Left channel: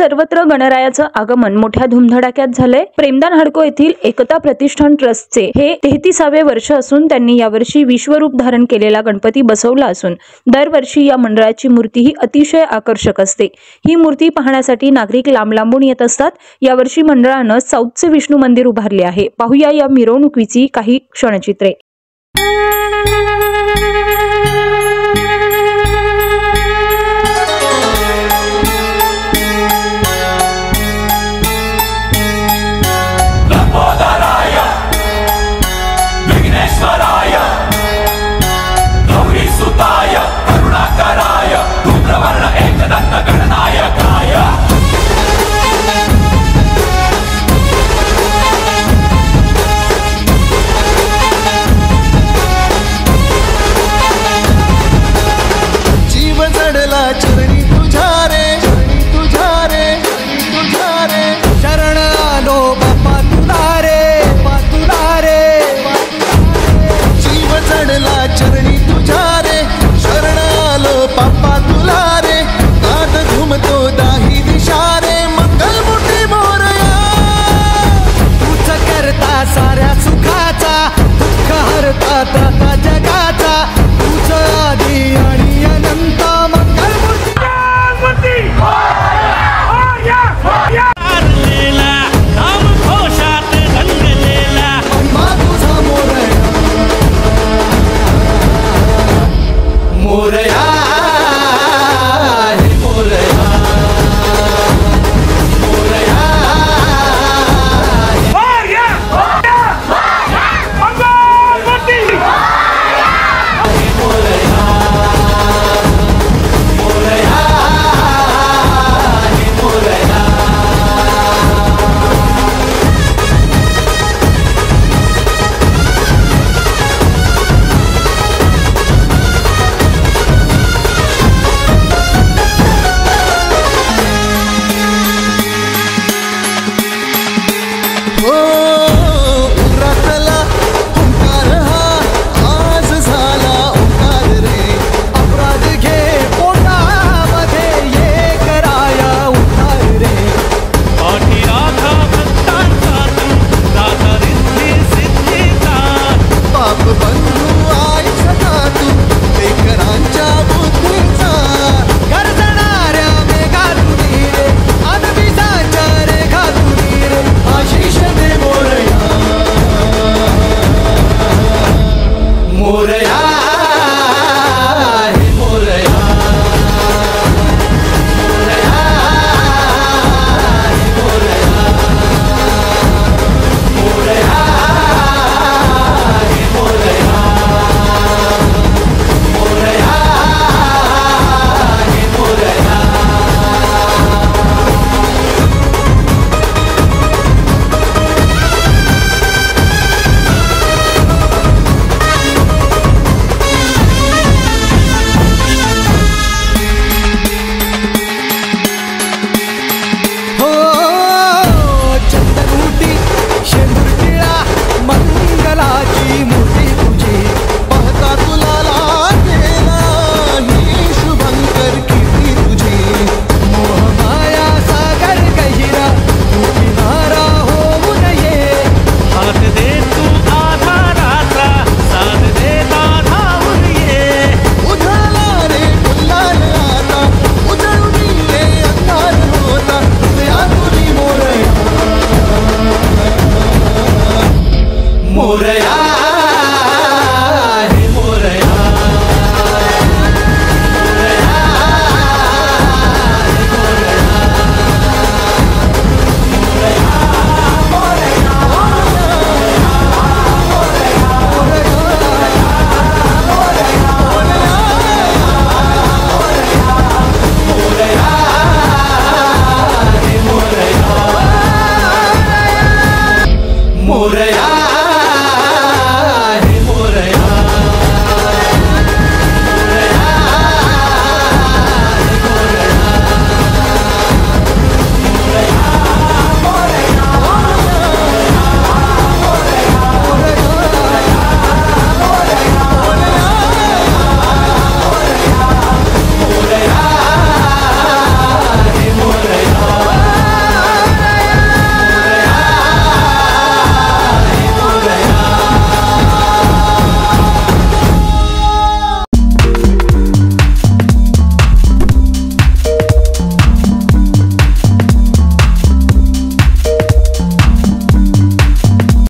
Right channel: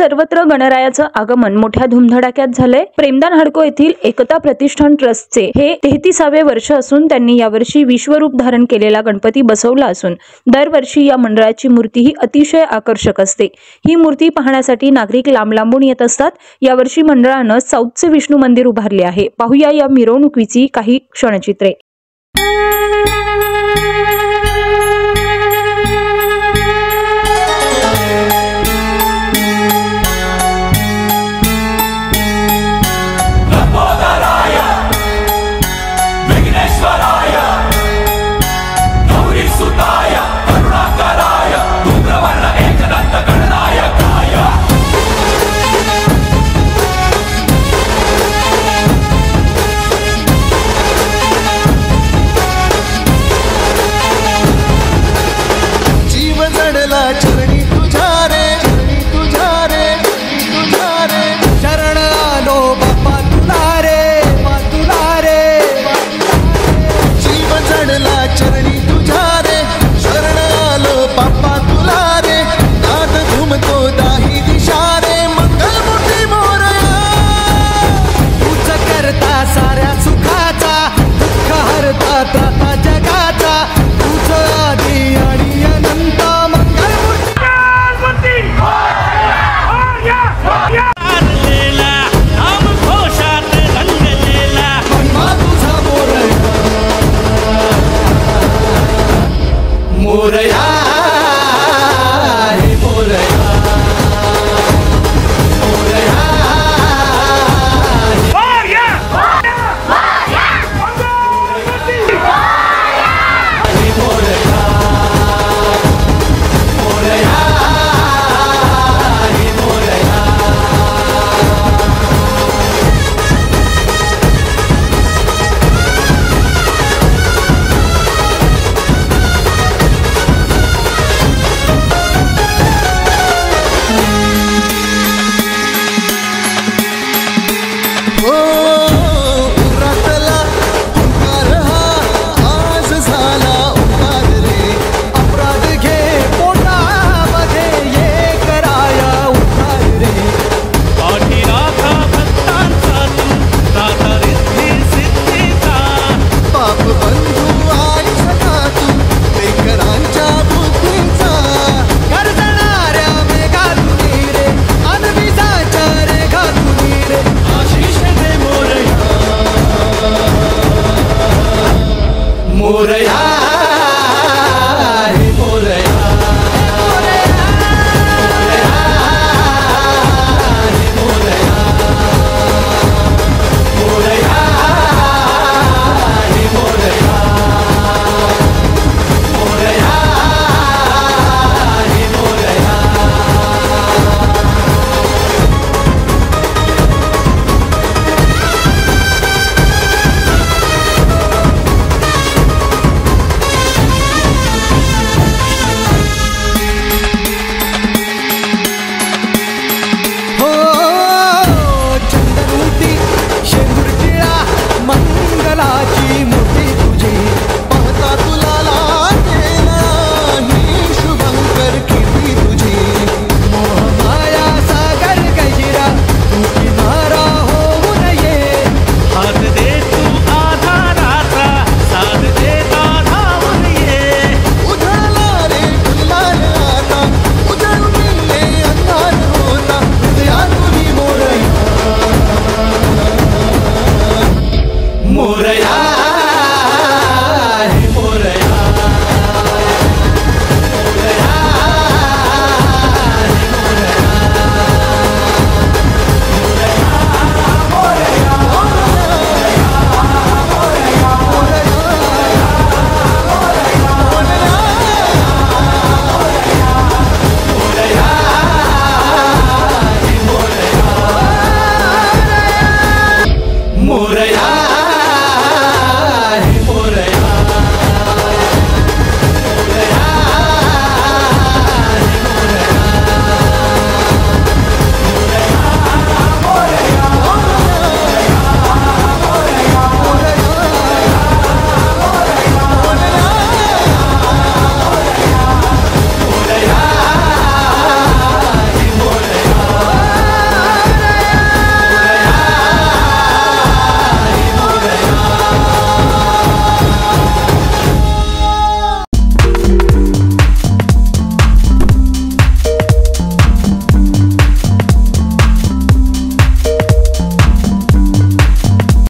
सर्वत्र गणरायाचं आगमन मोठ्या धुमधडाक्यात झालंय। प्रेमदान हडको येथील एकता प्रतिष्ठान ट्रस्टचे हे 33वे वर्ष असून त्यांनी यावर्षी विश्वरूप धारण केलेला गणपती बसवला असून दरवर्षी या मंडळाची मूर्ती ही अतिशय आकर्षक असते। ही मूर्ती पाहण्यासाठी नागरिक लांब लांबून येत असतात। यावर्षी मंडळानं साऊथचे विष्णू मंदिर उभारले आहे। पाहूया या मिरवणुकीची काही क्षणचित्रे। चढला चरणी तुझ्या रे, चरणी तुझ्या रे, तुझ्या रे, शरण आलो बाप्पा तुला रे, बाप्पा तुला रे, जीव चढला चरणी तुझ्या रे, शरण आलो बाप्पा तुला रे, नाद घुमतो दाही दिशा रे, मंगलमूर्ती मोरया, तूच करता साऱ्या सुखाचा, दुःख हरता त्राता जगाचा, तूच आदी आणि अनंत मंगलमूर्ती हारलेला नाम घोषात रंगलेला महिमा तुझा मोरया, मोरया हे मोरया, मोरया बंधू आई सखा तू लेकरांच्या बुद्धीचा, गरजणाऱ्या मेघातुनी रे, अनविजाच्या रेखातुनी रे, आशिष दे मोरया, मोरया हे मोरया, मोरया हे मोरया, मोरया मंगलाची मूर्ती तुझी पाहता तुला लागेला ही शुभंकर कीर्ती तुझी, मोह माया सागर गहिरा तू किनारा होऊ नये, हात दे तू आधाराचा, साथ दे धावून ये, उधळला रे गुलाल आता, उजळून ये अंधार होता, हृदया तुझी मोरया, मोरया